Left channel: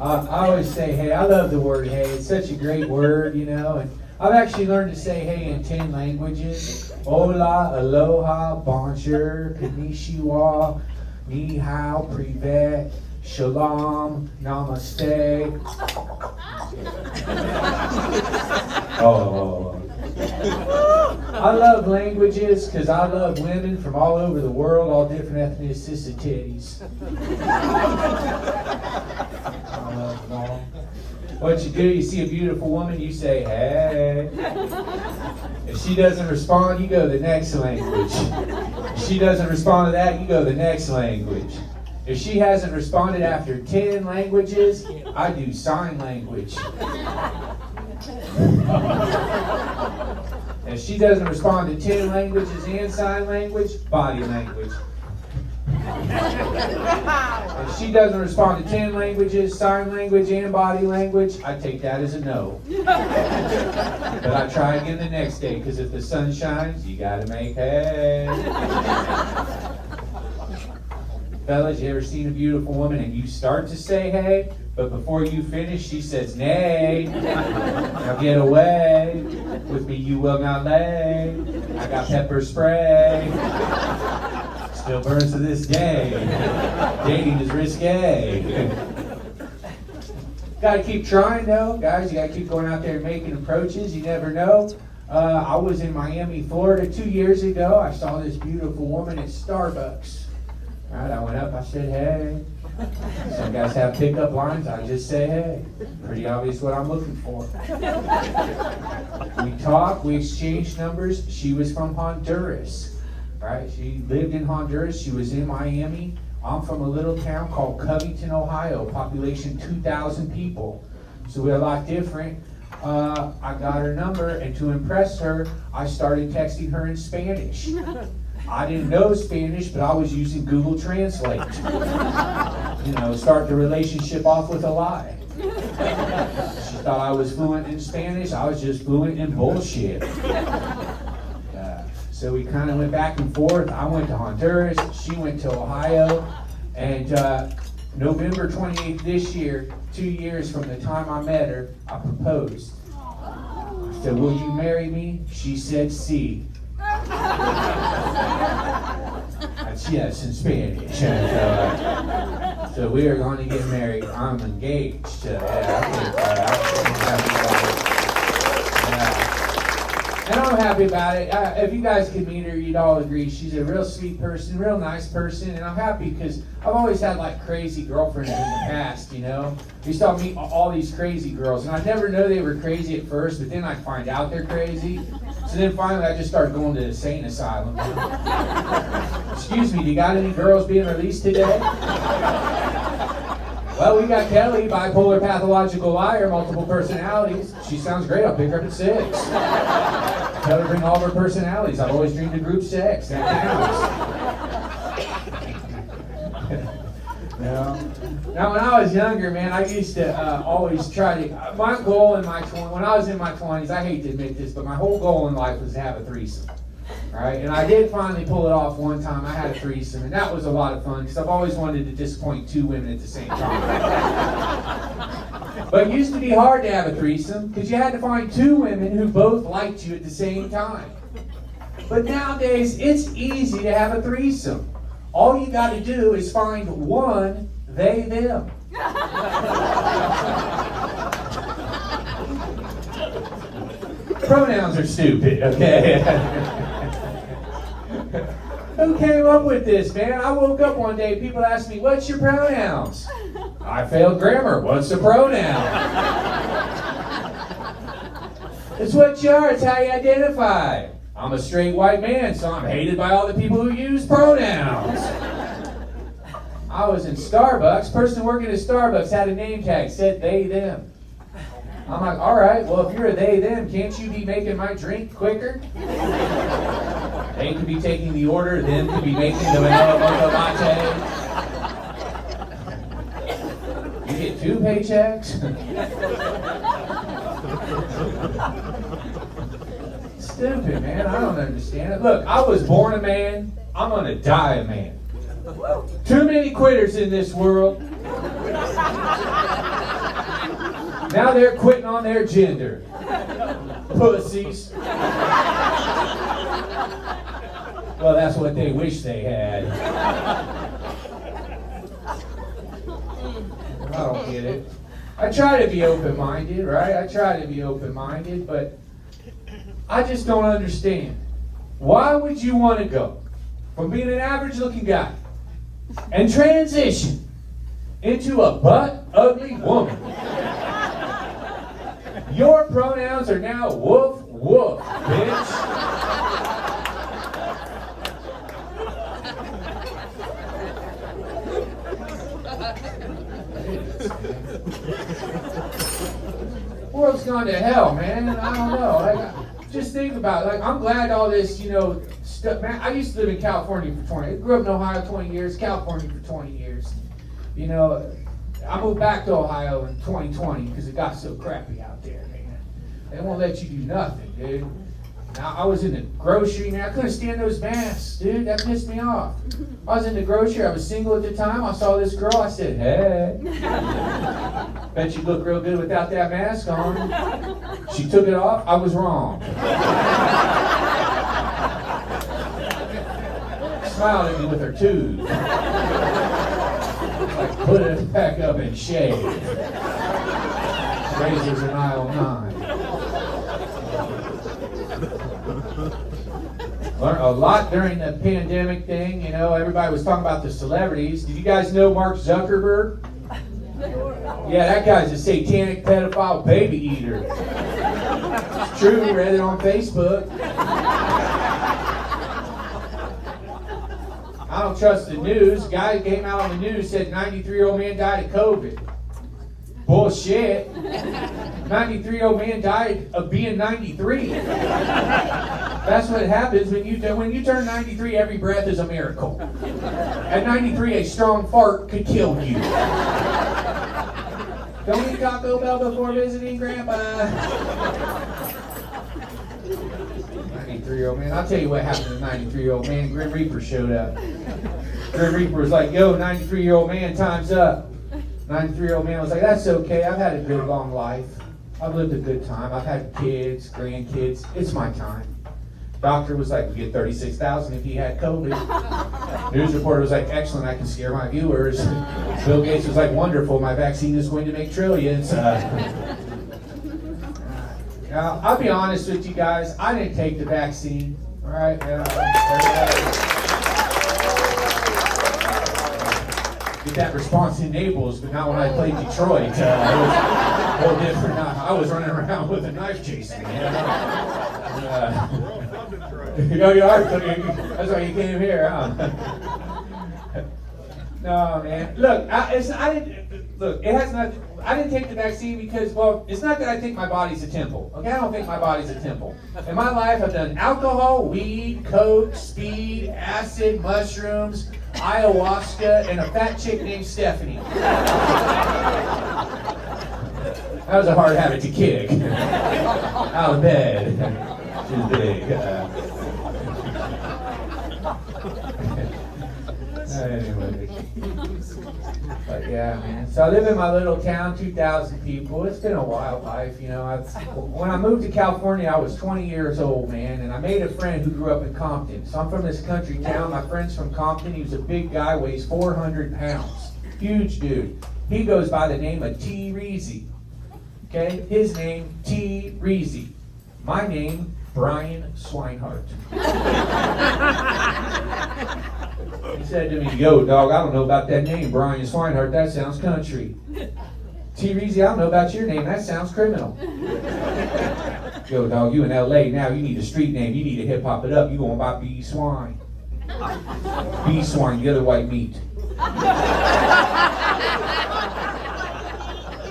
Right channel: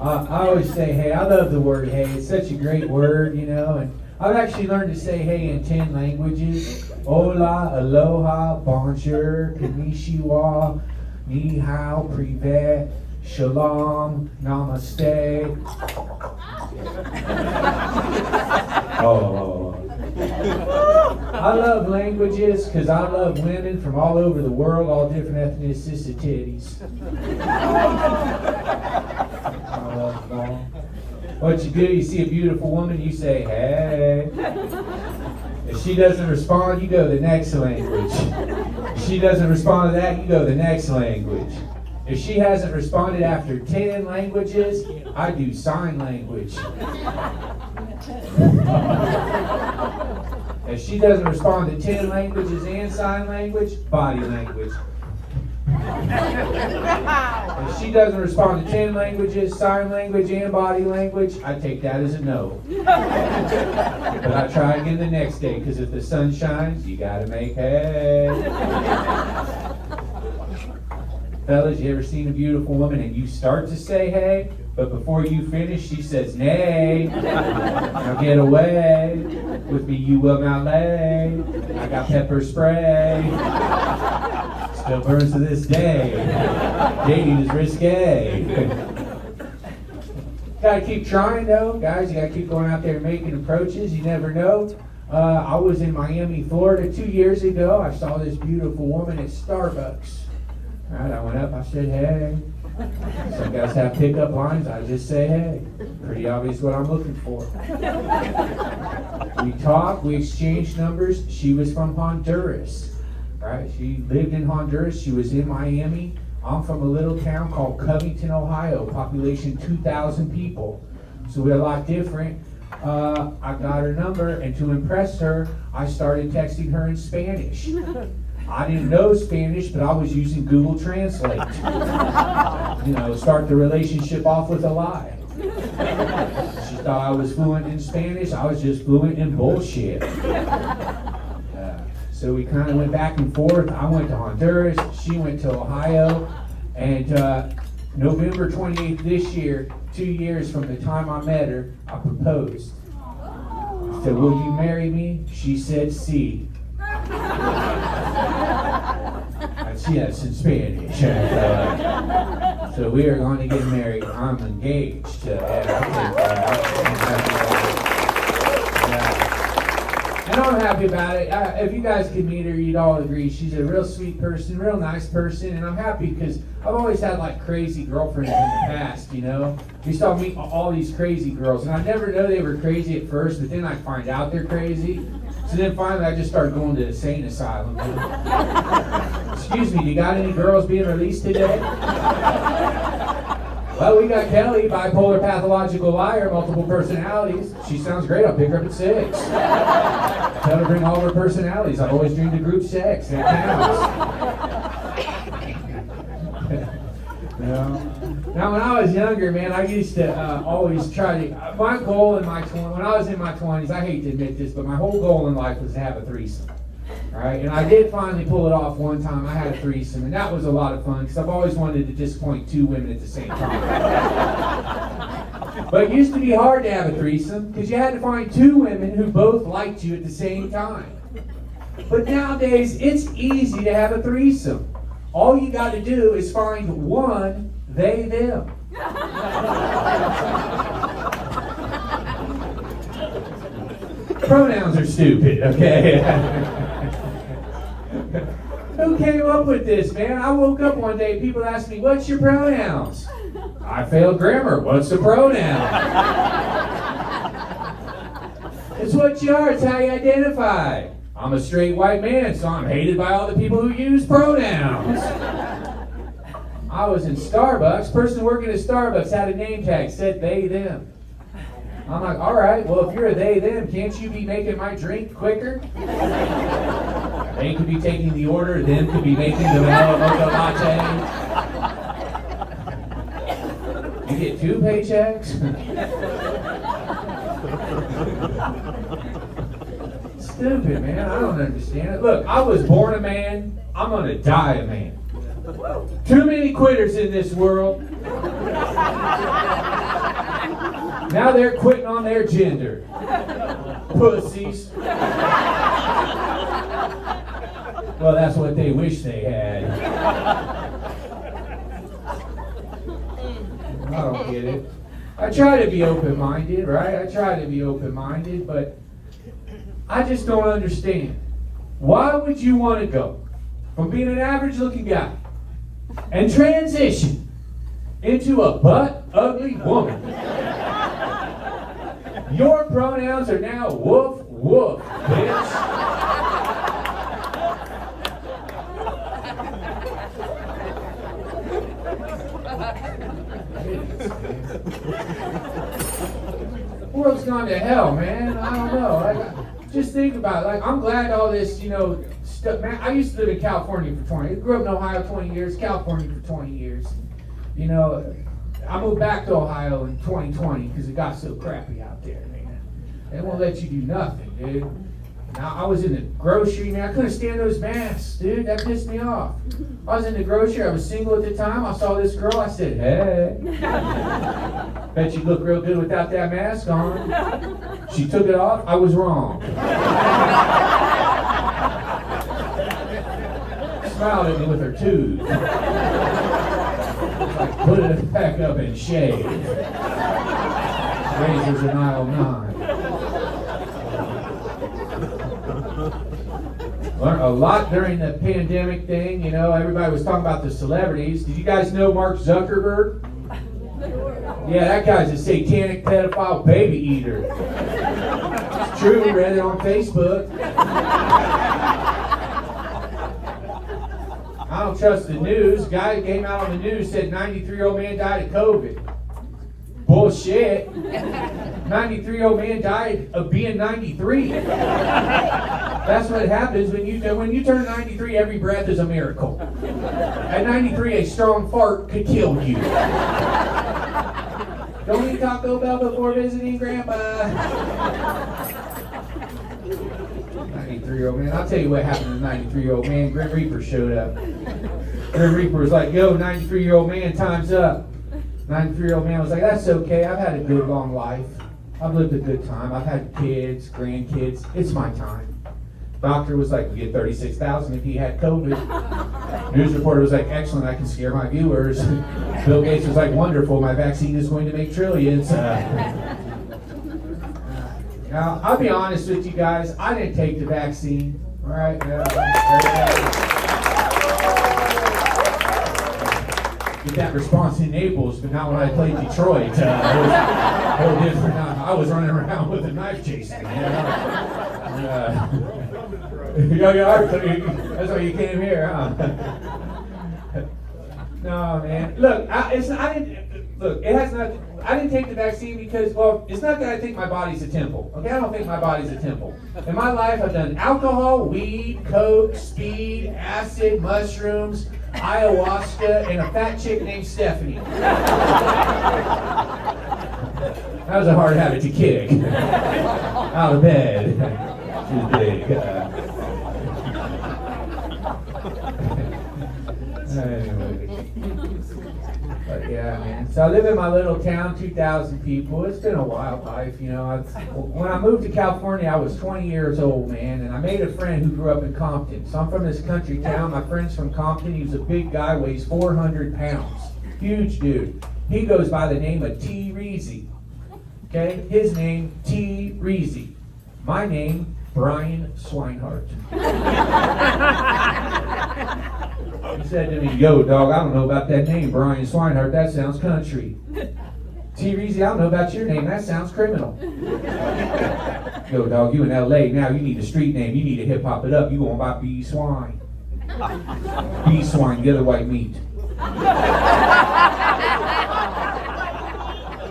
I always say hey. I love the word hey. It's such a great word, you know. And I've actually learned to say hey in 10 languages. Hola, aloha, bonjour, konnichiwa, ni hao, privet, shalom, namaste. Oh. I love languages because I love women from all over the world, all different ethnicities. I love them all. What you do, you see a beautiful woman, you say, hey. If she doesn't respond, you go to the next language. If she doesn't respond to that, you go to the next language. If she hasn't responded after 10 languages, I do sign language. If she doesn't respond to 10 languages and sign language, body language. If she doesn't respond to 10 languages, sign language, and body language, I take that as a no. But I try again the next day, because if the sun shines, you gotta make hay. Fellas, you ever seen a beautiful woman and you start to say hey, but before you finish, she says nay. Now get away. With me you will not lay. I got pepper spray. Still burns to this day. Dating is risque. Gotta keep trying though, guys. You gotta keep going out there and making approaches. You never know. I was in Miami, Florida 2 years ago. I saw this beautiful woman at Starbucks. All right, I went up, I said, hey. Some guys have pickup lines, I just say, hey. Pretty obvious what I'm looking for. We talked, we exchanged numbers. She was from Honduras, right? She lived in Honduras, she was in Miami. I'm from a little town called Covington, Ohio, population 2,000 people. So we're a lot different. I got her number, and to impress her, I started texting her in Spanish. I didn't know Spanish, but I was using Google Translate. You know, start the relationship off with a lie. She thought I was fluent in Spanish. I was just fluent in bullshit. So we kind of went back and forth. I went to Honduras. She went to Ohio. And November 28th this year, 2 years from the time I met her, I proposed. I said, will you marry me? She said, sí. Yes, in Spanish. So we are going to get married. I'm engaged. And I'm happy about it. If you guys could meet her, you'd all agree she's a real sweet person, real nice person, and I'm happy because I've always had like crazy girlfriends in the past, you know. You saw me all these crazy girls, and I never know they were crazy at first, but then I find out they're crazy. So then finally I just started going to the insane asylum. Excuse me, do you got any girls being released today? Well, we got Kelly, bipolar, pathological liar, multiple personalities. She sounds great, I'll pick her up at 6. Tell her to bring all her personalities. I've always dreamed of group sex. That counts. You know? Now, when I was younger, man, I used to always try to... My goal in my... When I was in my 20s, I hate to admit this, but my whole goal in life was to have a threesome. Right? And I did finally pull it off one time. I had a threesome, and that was a lot of fun, because I've always wanted to disappoint 2 women at the same time. But it used to be hard to have a threesome, because you had to find 2 women who both liked you at the same time. But nowadays, it's easy to have a threesome. All you got to do is find one, they, them. Pronouns are stupid, okay? Who came up with this, man? I woke up one day, people asked me, what's your pronouns? I failed grammar. What's a pronoun? It's what you are. It's how you identify. I'm a straight white man, so I'm hated by all the people who use pronouns. I was in Starbucks. Person working at Starbucks had a name tag, said they, them. I'm like, all right, well, if you're a they, them, can't you be making my drink quicker? They could be taking the order, them could be making the vanilla mocha latte. You get 2 paychecks? Stupid, man. I don't understand it. Look, I was born a man. I'm going to die a man. Too many quitters in this world. Now they're quitting on their gender. Pussies. Well, that's what they wish they had. I don't get it. I try to be open-minded, right? I try to be open-minded, but I just don't understand. Why would you want to go from being an average-looking guy and transition into a butt-ugly woman? Your pronouns are now woof, woof, bitch. World's gone to hell, man. I don't know. Like, just think about it. Like, I'm glad all this, stuff. Man, I used to live in California for 20. I grew up in Ohio 20 years, California for 20 years. I moved back to Ohio in 2020 because it got so crappy out there, man. They won't let you do nothing, dude. I was in the grocery, man. I couldn't stand those masks, dude. That pissed me off. I was in the grocery. I was single at the time. I saw this girl. I said, hey. Bet you look real good without that mask on. She took it off. I was wrong. Smiled at me with her tooth. Like, put it back up and shave. Razors in aisle 9. Learned a lot during the pandemic thing. Everybody was talking about the celebrities. Did you guys know Mark Zuckerberg? Yeah, that guy's a satanic pedophile baby eater. It's true, we read it on Facebook. I don't trust the news. Guy who came out on the news said 93-year-old man died of COVID. Bullshit. 93-year-old man died of being 93. That's what happens when you turn 93. Every breath is a miracle. At 93, a strong fart could kill you. Don't eat Taco Bell before visiting Grandpa. 93-year-old man. I'll tell you what happened to the 93-year-old man. Grim Reaper showed up. Grim Reaper was like, yo, 93-year-old man, time's up. 93-year-old man was like, that's okay. I've had a good long life. I've lived a good time. I've had kids, grandkids. It's my time. Doctor was like, you get $36,000 if he had COVID. News reporter was like, excellent, I can scare my viewers. Bill Gates was like, wonderful, my vaccine is going to make trillions. Now, I'll be honest with you guys, I didn't take the vaccine. All right? Get that response in Naples, but not when I played Detroit. It was a little different. I was running around with a knife chasing. That's why you came here, huh? No, man. Look, I didn't take the vaccine because, well, it's not that I think my body's a temple. Okay, I don't think my body's a temple. In my life, I've done alcohol, weed, coke, speed, acid, mushrooms, ayahuasca, and a fat chick named Stephanie. That was a hard habit to kick. Out of bed. Too big. Anyway. But yeah, man. So I live in my little town, 2,000 people. It's been a wild life, When I moved to California, I was 20 years old, man, and I made a friend who grew up in Compton. So I'm from this country town. My friend's from Compton. He was a big guy, weighs 400 pounds. Huge dude. He goes by the name of T. Reezy. Okay? His name, T. Reezy. My name, Brian Swinehart. He said to me, yo, dog, I don't know about that name, Brian Swinehart. That sounds country. T. Reezy, I don't know about your name. That sounds criminal. Yo, dog, you in L.A. now. You need a street name. You need to hip-hop it up. You going by B. Swine. B. Swine, the other white meat.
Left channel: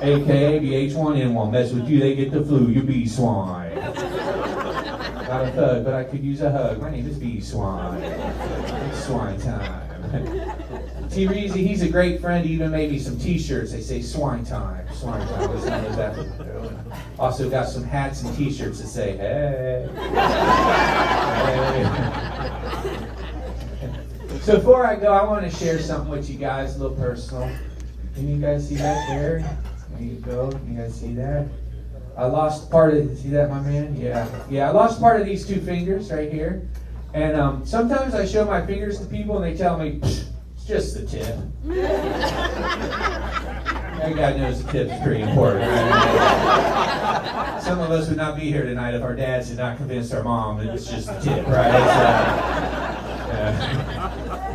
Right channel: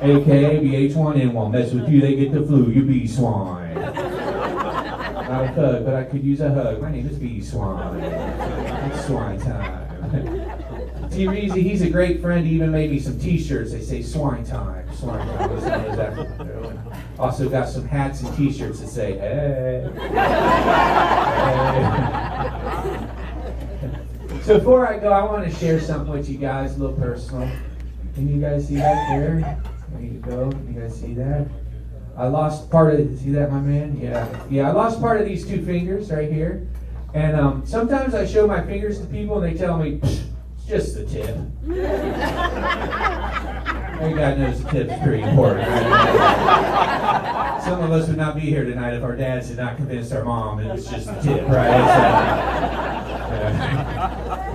AKA BH1N1. Mess with you, they get the flu. You B. Swine. Not a thug, but I could use a hug. My name is B. Swine. It's swine time. T. Reezy, he's a great friend. He even made me some t-shirts. They say swine time. Swine time. That's exactly what I'm doing. Also got some hats and t-shirts that say, hey. Hey. So before I go, I want to share something with you guys, a little personal. Can you guys see that there? There you go. You guys see that? I lost part of, see that, my man? Yeah. Yeah, I lost part of these two fingers right here. And sometimes I show my fingers to people and they tell me, it's just the tip. Every guy knows the tip's pretty important. Right? Some of us would not be here tonight if our dads had not convinced our mom it was just the tip, right?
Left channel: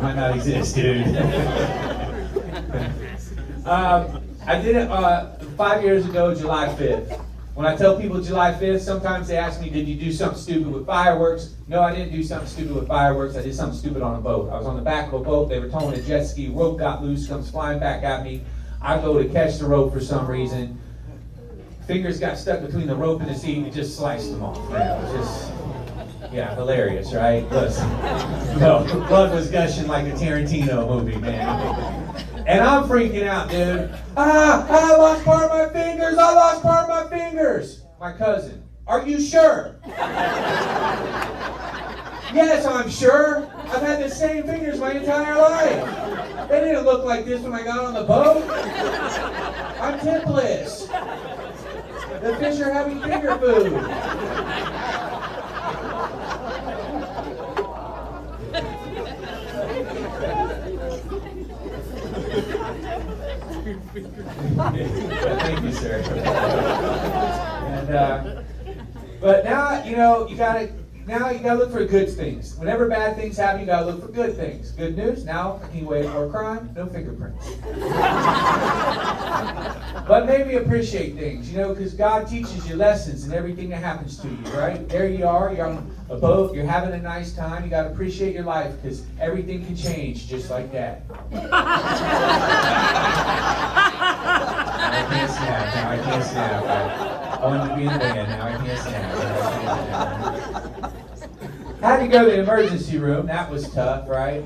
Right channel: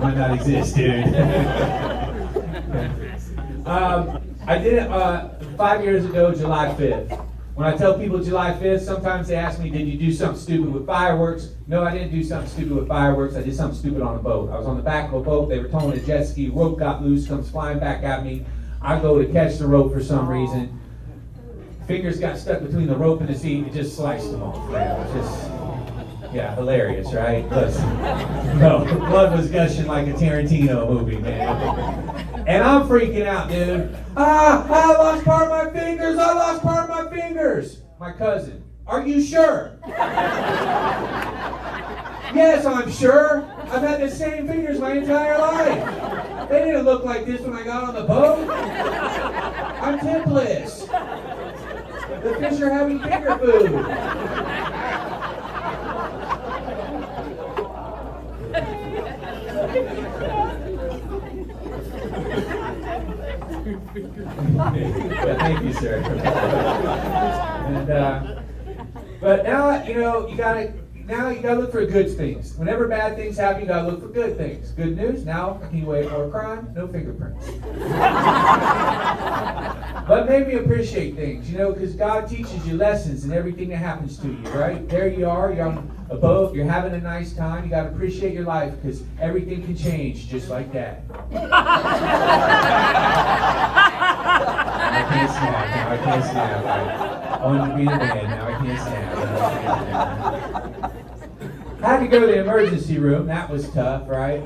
Might not exist, dude. I did it 5 years ago, July 5th. When I tell people July 5th, sometimes they ask me, did you do something stupid with fireworks? No, I didn't do something stupid with fireworks. I did something stupid on a boat. I was on the back of a boat. They were towing a jet ski. Rope got loose, comes flying back at me. I go to catch the rope for some reason. Fingers got stuck between the rope and the seat. It just sliced them off. Man. It was just, yeah, hilarious, right? No, blood was gushing like a Tarantino movie, man. And I'm freaking out, dude. I lost part of my fingers. I lost part of my fingers. My cousin, are you sure? Yes, I'm sure. I've had the same fingers my entire life. They didn't look like this when I got on the boat. I'm tipless. The fish are having finger food. Thank you, sir. And but now you gotta look for good things. Whenever bad things happen, you gotta look for good things. Good news, now a key way more crime, no fingerprints. But maybe appreciate things, because God teaches you lessons in everything that happens to you, right? There you are, you're on a boat, you're having a nice time, you gotta appreciate your life because everything can change just like that. I can't snap. Now I can't snap. I wanted to be in the band. Now I can't snap. I had to go to the emergency room. That was tough, right?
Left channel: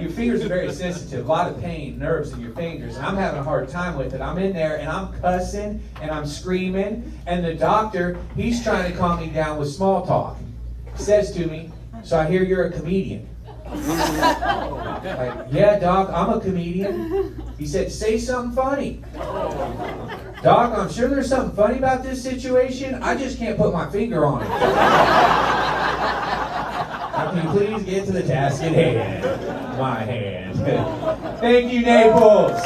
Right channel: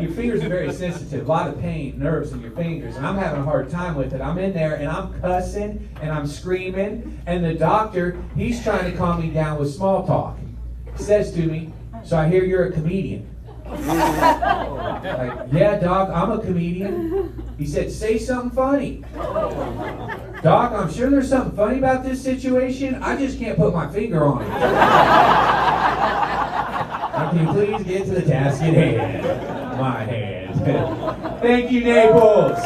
Your fingers are very sensitive. A lot of pain, nerves in your fingers. And I'm having a hard time with it. I'm in there and I'm cussing and I'm screaming. And the doctor, he's trying to calm me down with small talk. He says to me, so I hear you're a comedian. Like, yeah, Doc, I'm a comedian. He said, say something funny. Doc, I'm sure there's something funny about this situation. I just can't put my finger on it. Can you please get to the task at hand? My hand. Thank you, Naples.